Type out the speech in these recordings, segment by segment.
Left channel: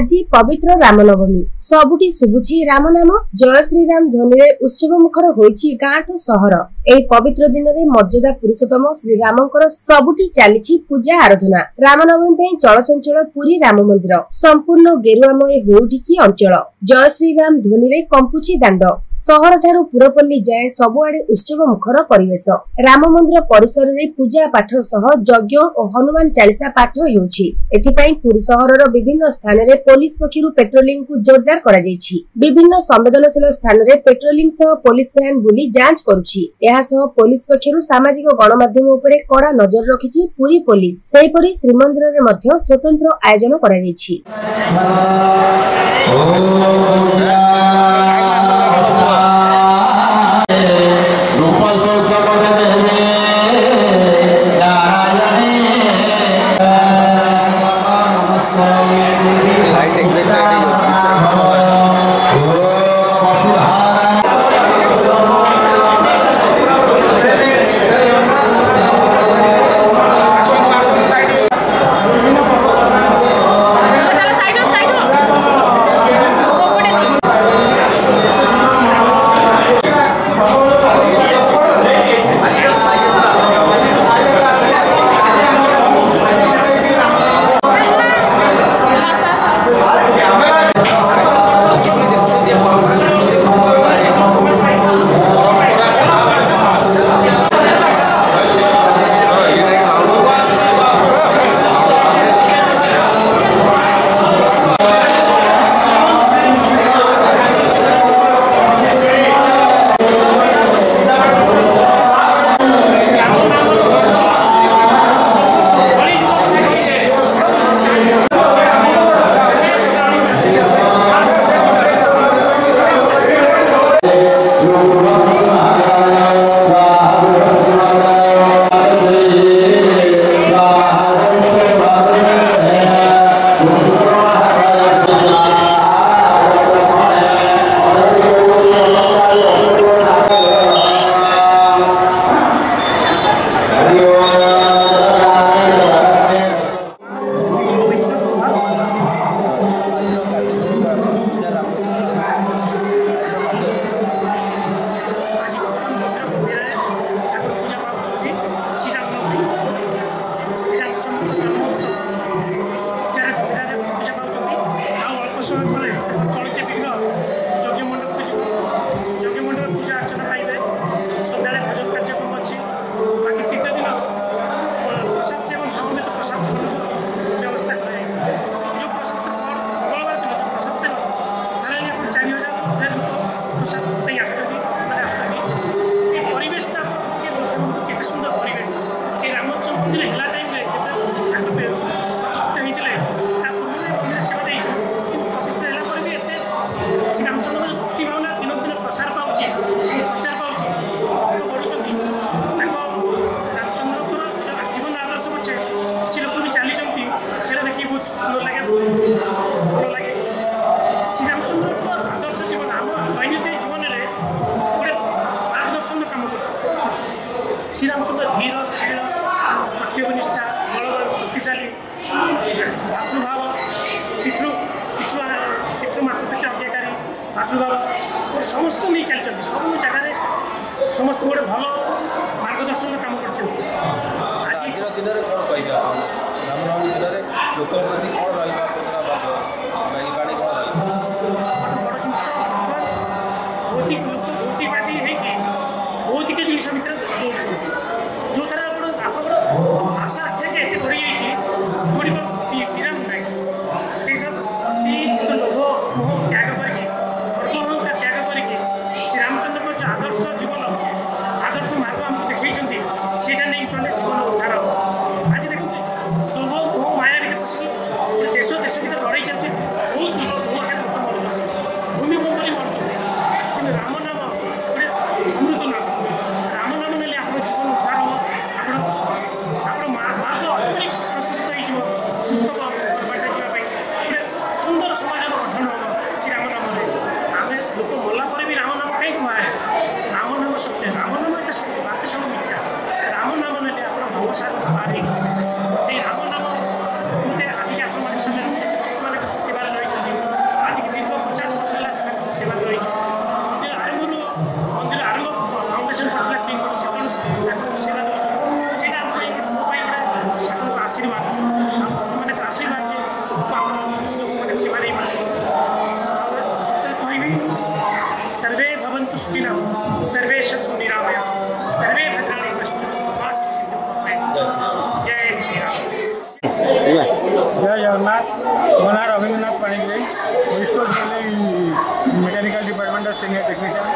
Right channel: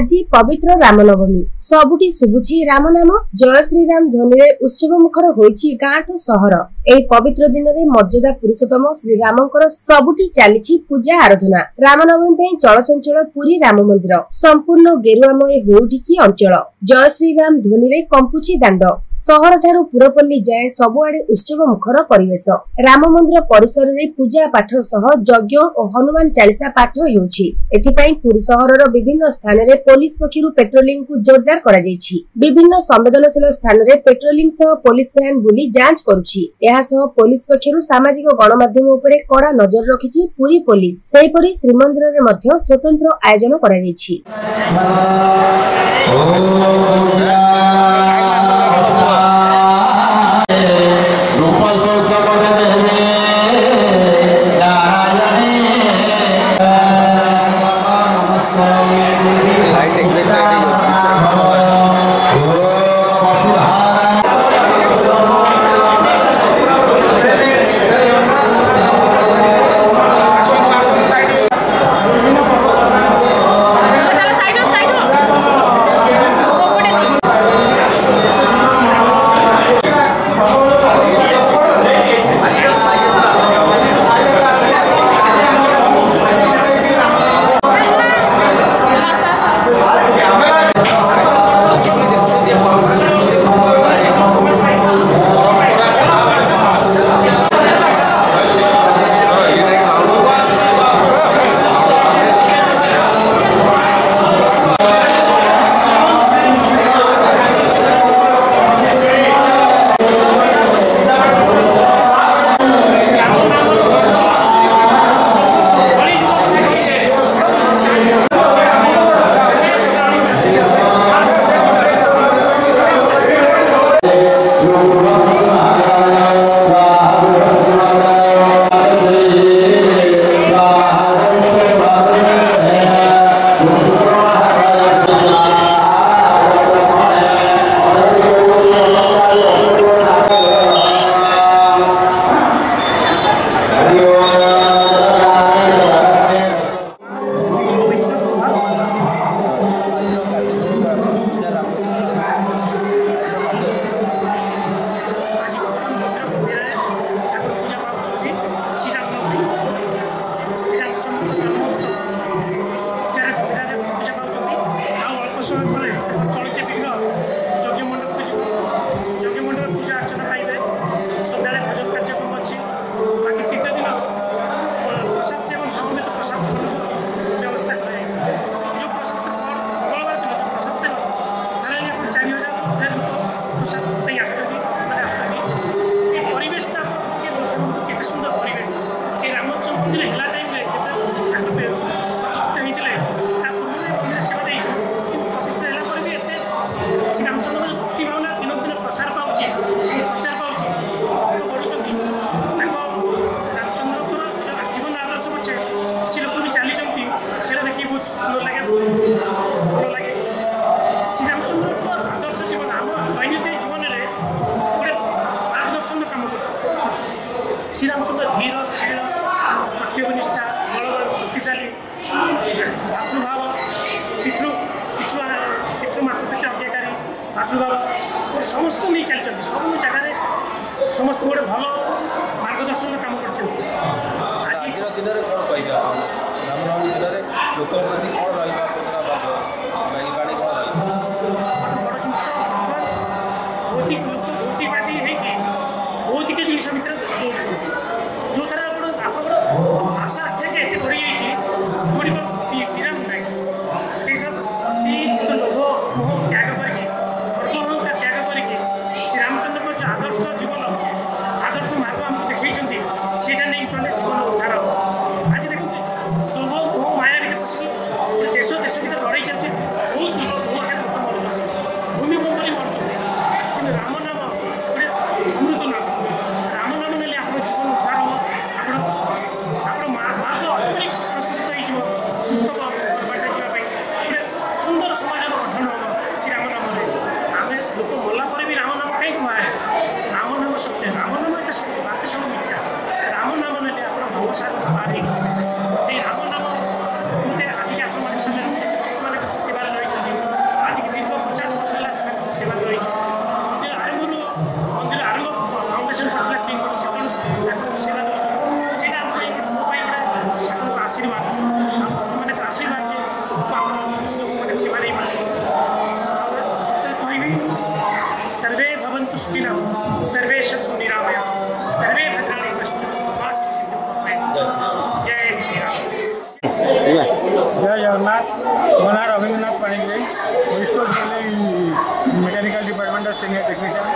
आज पवित्र रामनवमी सबुटी शुभुची राम नाम जय श्रीराम ध्वनि उत्सव मुखर होइछि गाँ टू सहर। एही पवित्र दिन में मर्यादा पुरुषोत्तम श्रीरामंकर सबुटी चली पूजा आराधना। रामनवमी पे चलचंचल पुरी राम मंदिर संपूर्ण गेरुआमय हो उठिछि अंचल। जय श्रीराम ध्वनि कंपुछि दांड। सहर ठारू पुरपल्ली जाए सबुआडे उत्सव मुखर परिवेश। राम मंदिर परिसर रे पूजा पाठ सह यज्ञ और हनुमान चालीसा पाठ हेउछि। एथिपई पुरी सहरर विभिन्न स्थान रे पुलिस पक्षरु पेट्रोलिंग को जोरदार करा जायछि। विभिन्न संवेदनशील स्थान रे पेट्रोलिंग सह पुलिस वैन बुली जांच करूछि। एहा सह पुलिस पक्षरु सामाजिक गणमाध्यम उपरे कड़ा नजर रखिछि पुरी पुलिस। सेहिपरि श्रीमंदिर रे मध्य स्वतंत्र आयोजन करा जायछि। श्रीरामचंद्र धीर शील कर्तव्यनिष्ठा बलवान शक्तिशाली भातृभाव पितृमातृप्रति अज्ञाकारी भातृभाव समस्त नहीं चलते सब जगह समस्त गोटे भल मार्गदर्शन काम कर भौतिक जिन भितर जो थर आशा आख्या के बढ़ी जाइए जोड़ विराम ना से सब लोभ मोह त्याग करके गर्वहंता त्याग करके श्री रामचंद्र जो आदर्श जीवन आदर्श मार्ग आमको देखते सीटा नहीं चले जीवन उद्धार आज देखते लोभ मोह माया भितर पशिक देश देश भर लड़ाई चलती बहुत लोग मरुच्च भूमिकंप मरुच्च कि राम नाम गोटे अमृत नाम राम नाम ने जीवन उद्धार हम आप मार्ग ऑटोमेटिक प्रशस्त हो सुस्थ बाटे जावाई गोटे सुंदर समाज गठन हम श्री राम नाम आम लोक मला भी राम नाम कहीं कहे राम नाम सत्य राम नाम एक सत्य बाकी सब मिथ्या राम नाम ने आप भवसागर पार राम नाम मत आज आप सेवा रही श्लोक सेवा नहीं पार्छु कहबी सर्वे भवन्तु सुखिनः सर्वे सन्तु निरामया सर्वे भद्राणि पश्यन्तु मा कश्चित् दुःखं भवेत्। जय श्री राम। जय जगन्नाथ। मो ना Rabindranath Panigrahi mechanical department senior technician.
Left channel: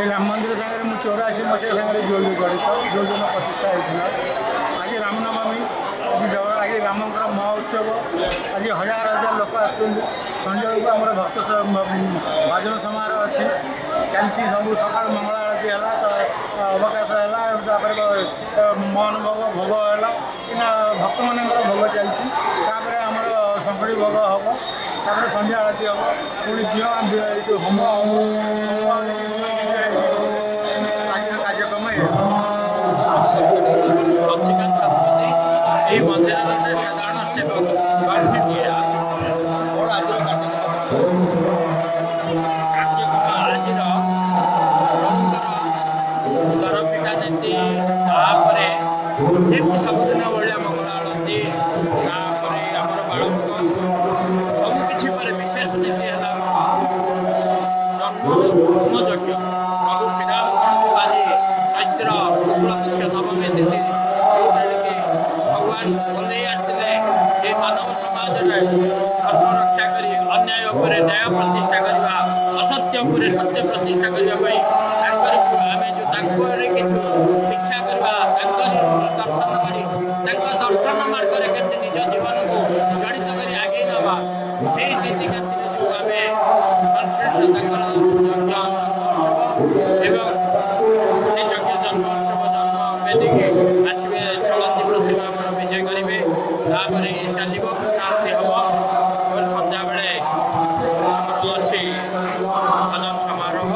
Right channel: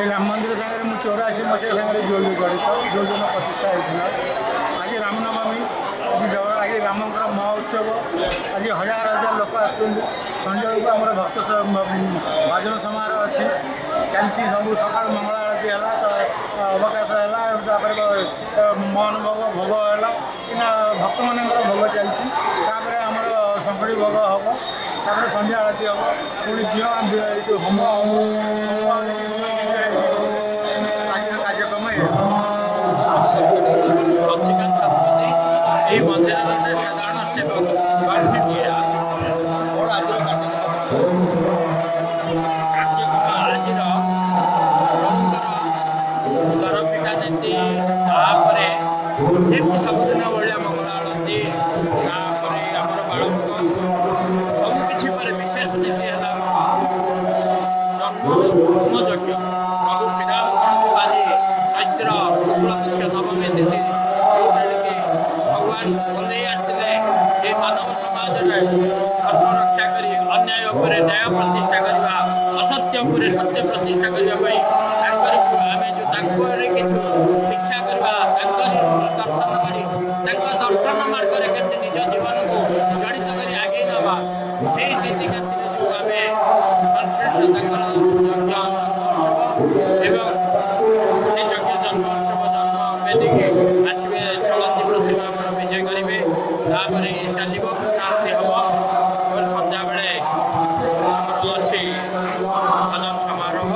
ये राम मंदिर सागर मुझे 84 मसीहा सागर जड़ित जो दिन प्रतिष्ठा होता आज रामनवमी आज रामकर महोत्सव आज हजार हजार लोक आंजल को आम भक्त भजन समारोह अच्छी चलती सब सका मंगल आरती है अवकाश है मोहन भोग भोग है कि भक्त मान भोग चलती आमर शंकरी भोग हम संध्या आरती हम पुणी झील होम कार्यक्रम मंदिर साधारण सेवक कार्यक्रम आज घर पिटा नीति सबुदिन भाया मंगल आरती आमर बालभोग सबकि विशेष नीति है जन्म यज्ञ प्रभु श्रीराम आज चैत्र शुक्ल पक्ष नवमी तिथि भगवान बोले आसते ये मानव समाज धर्म रक्षा कर अन्याय पर न्याय प्रतिष्ठा करवा असत्य पर सत्य प्रतिष्ठा करने आम जो किछु शिक्षा करवा दर्शन मार्ग के निज जीवन को जड़ित कर आगे नवा से नीति जो यज्ञ जन्मोत्सव जन्म वेदी आसवे चलती प्रतिमा विजय करेंगे चलो आरती हम सन्ध्या बेले अच्छी भजन समारोह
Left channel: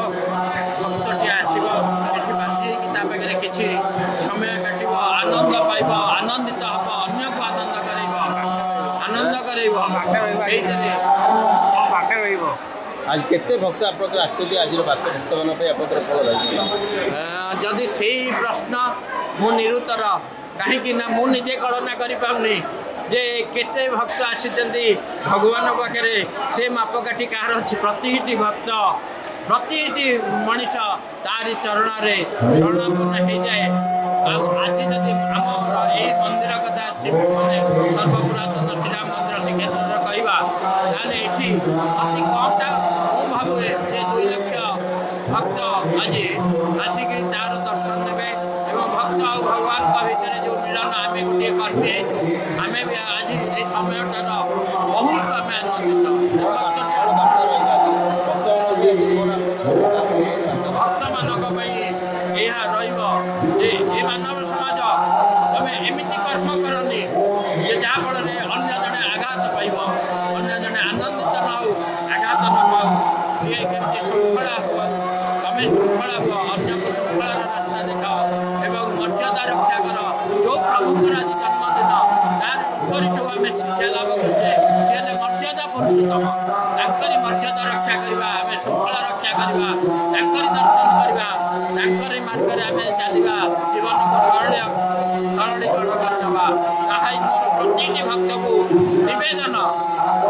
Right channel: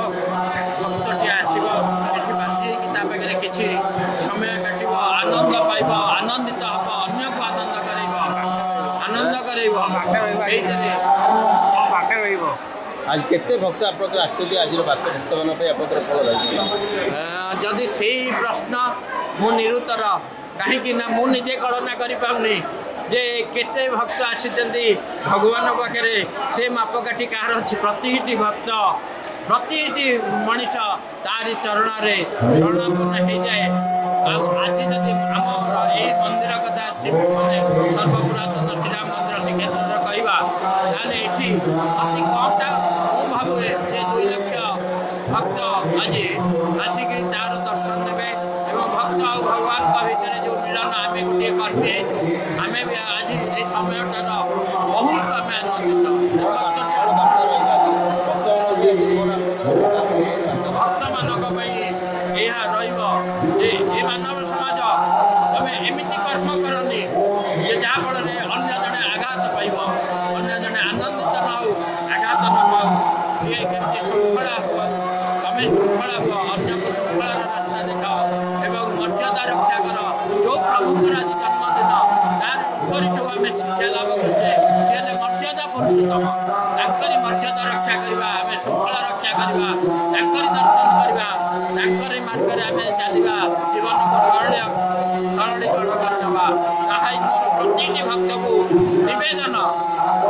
भक्तटी आसो बांधी पाखे किसी समय काट आनंद पाइब आनंदित हम अन्य को आनंद कर आज केते भक्त आपनकर आश्चर्य आज भक्त मान आपनकर फल रही जदि से प्रश्न मु निरुत्तर कहीं मु निजे गणना करें जे केते भक्त आसी भगवान पाखे से मापकाठी कहार अच्छी प्रति भक्त प्रति मनीष तारी चरण शरणापन्न हो जाए आज जदि आम यही मंदिर कथा सर्वपुरातन श्रीराम मंदिर श्रीक्षेत्र कहवा ये अति कमटा मु भावे ये 2 लाख भक्त आज आसिक तार दर्शन देवे भक्त और भगवान भितर जो मिलन आम गोटे कर्मी आम भी आज ये समयटार बहुत आम आनंदित भक्त मान ये मानव समाज तुम एमती कर्म करनी ये जहाँफल अन्य जड़े आघात पाइब अन्य जड़े आनंदित न हो आघात न पाऊ सी केमती श्रृंखला हुआ तुम श्रृंखला हुआ अन्य को श्रृंखलार रास्ता देखाओ एवं मर्यादा रक्षा कर जो प्रभुଙ୍କର आज जन्मदिन तार आम शिक्षा लाभ कर